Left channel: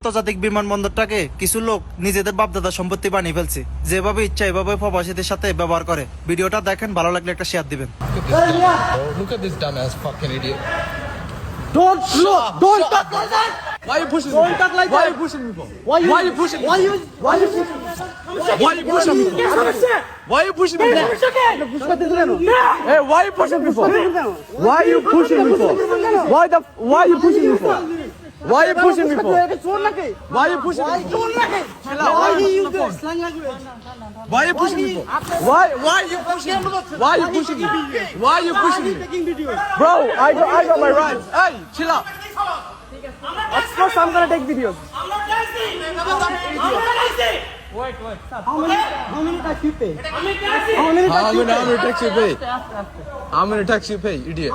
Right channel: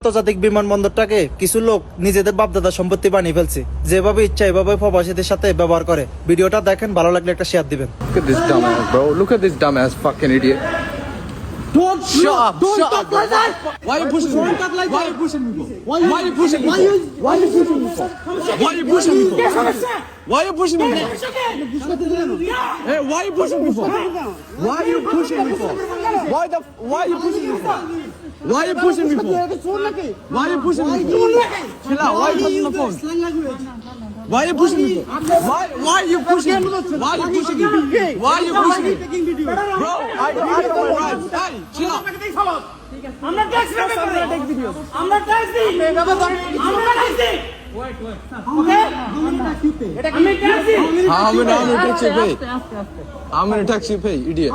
আন্তর্জাতিক বিমানবন্দরটাকে কিছু লোক নিজেদের বাপদাদা সম্পত্তি বানিয়ে ফেলছে। যেভাবে ইচ্ছা এভাবে প্রবাসীদের সাথে ব্যবহার করে। ভিডিওটা দেখেন, ভালো লাগলে একটা শেয়ার দিবেন। Look at this dumbass fucking idiot. Don't talk like that. Why are you pushing me? Don't talk like Why that. are you pushing me for? Why you pushing me? Why you pushing me for? Why you pushing me for? Why you pushing me for? Hey, why you pushing me for? Why you pushing me for? Why you pushing me for? Why you pushing me for? Why you pushing me for? Chill out. Why you pushing the phone? Why you pushing me for? Why you pushing me? Why you pushing me? Why you pushing me? Bro, I know my rights. Hey, chill out. I'm gonna take videos. I'm not taxi. Wait. Okay? How many tax you pay? How many tax you pay? How many tax you pay, idiot?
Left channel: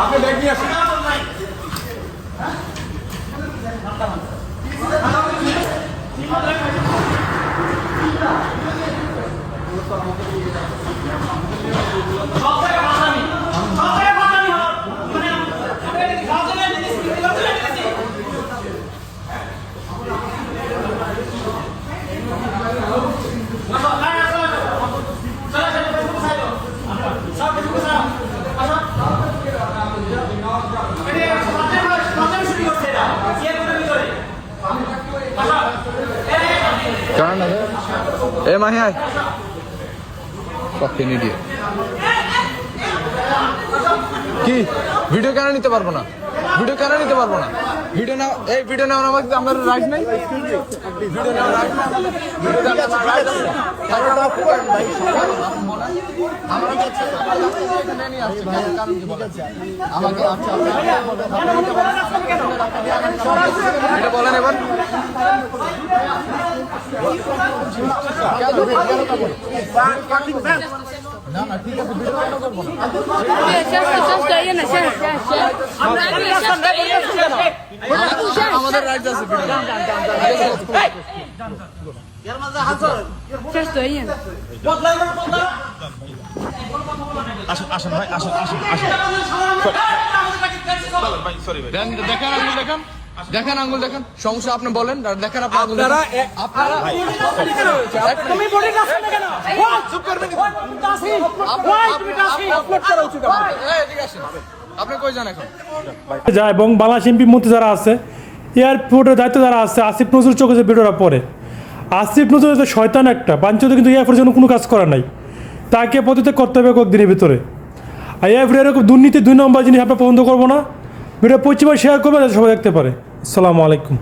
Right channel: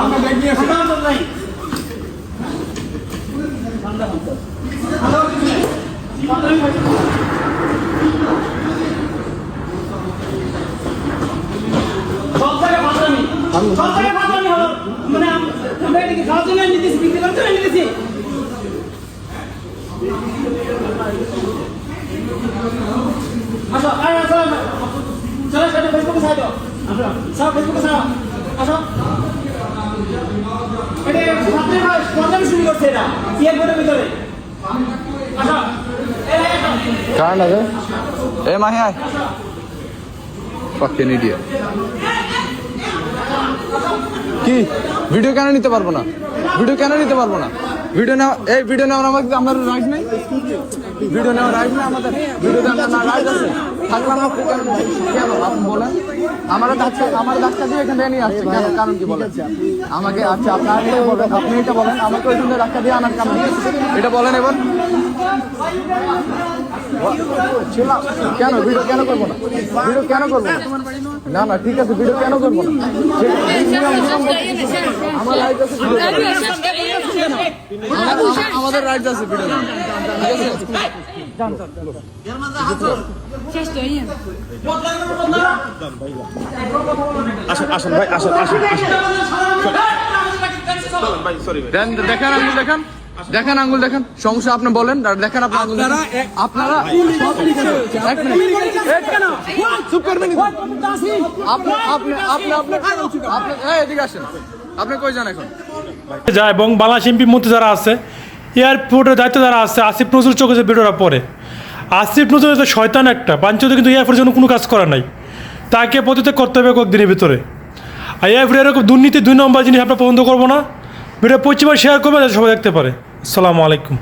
আমি bag নিয়ে আসি। Kahan hai? Hey, Mahi, aay. Fucking idiot. কি video কেন নিতে পারবো না? Video কেন নিতে পারবো না? ভিডিও না, এই ভিডিও নেওয়ার আমাদের রাইট নাই। ভিডিও নেওয়ার রাইট না আমাদের। ভিডিও নেওয়ার রাইট আছে। তাহলে আমরা আপনি বলেন আমার ডাক্তার দিয়ে এখানে নিয়ে আসছে, কারণ কি বলেন আমাকে? আচ্ছা আপনি এটা বলেন আমাকে ওখানে ডাক্তার দিয়ে আনার কারণ এটা বলেন এবার। কেন ভিডিও কেন করবো না? ভিডিও কেন করবো না? না ঠিক আছে, ভিডিও কেন করবো না? আমাদের রাইট আছে ভিডিও। দেখেন আঙ্গুল দেখেন, সমস্যা আপনি বলেন, দেখেন আপনার আঙ্গুল আপনারা এদিকে আসেন। আপনি কই যান এখন? যায় এবং বাংলাদেশ এমপি মন্ত্রী যারা আছে, এয়ারপোর্টের দায়িত্ব যারা আছে, আসিফ নজরুল চোখে যে ভিডিওটা পরে, আসিফ নজরুল তো শয়তান একটা বাঞ্ছিত, কিন্তু এয়ারপোর্টের জন্য কোনো কাজ করা নাই। তাকে পতিত করতে হবে কয়েকদিনের ভিতরে। আর এয়ারপোর্টে এরকম দুর্নীতি 2 নম্বর জিনিস আমরা পছন্দ করবো না। ভিডিও পশ্চিমা শেয়ার করবে যাতে সবাই দেখতে পারে। আসসালামু আলাইকুম।